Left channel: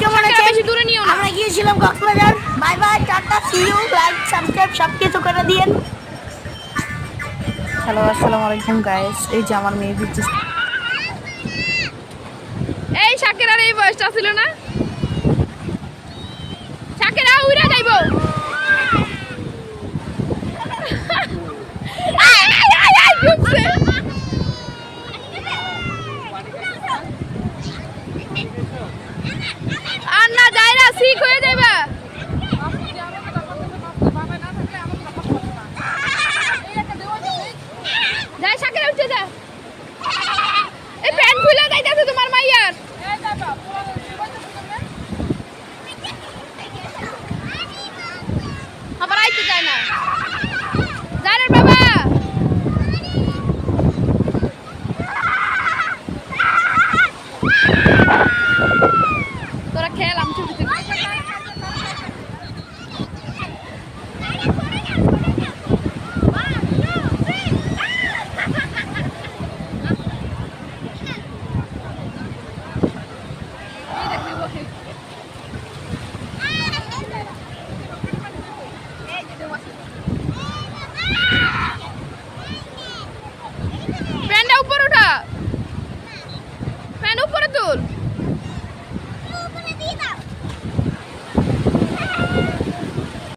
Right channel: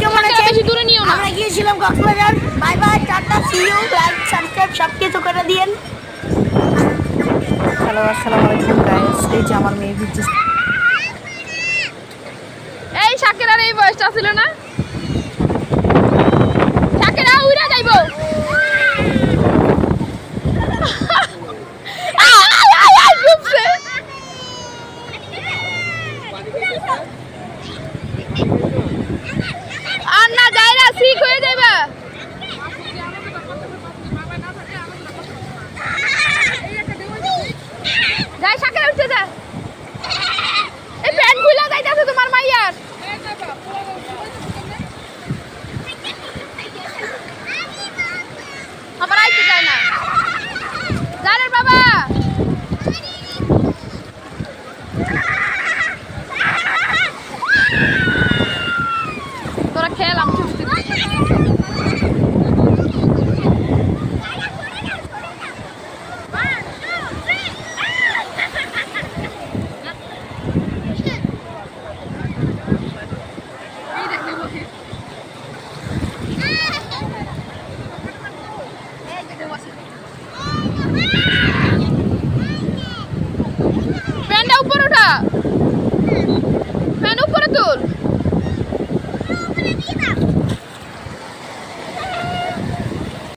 কেমন আছেন? আমরা গিয়েছিলাম Cox's Bazar. Bye bye, tata, see you. Like, subscribe সব কিছু করে দিয়েন। হ্যালো, আসসালামু আলাইকুম গাইস। এই যে আমার মেয়ে ভিজছে। এই শাকেরার এই বয়সটা ছিল না, শাকেরা উড়ে যাইবো। আর না যায় না, ঠিক হয়ে যাবে। যাই শাকেরা উঠতে যা। এই প্যান্ট খুলে যাইতেছে তোমার মাইয়ার।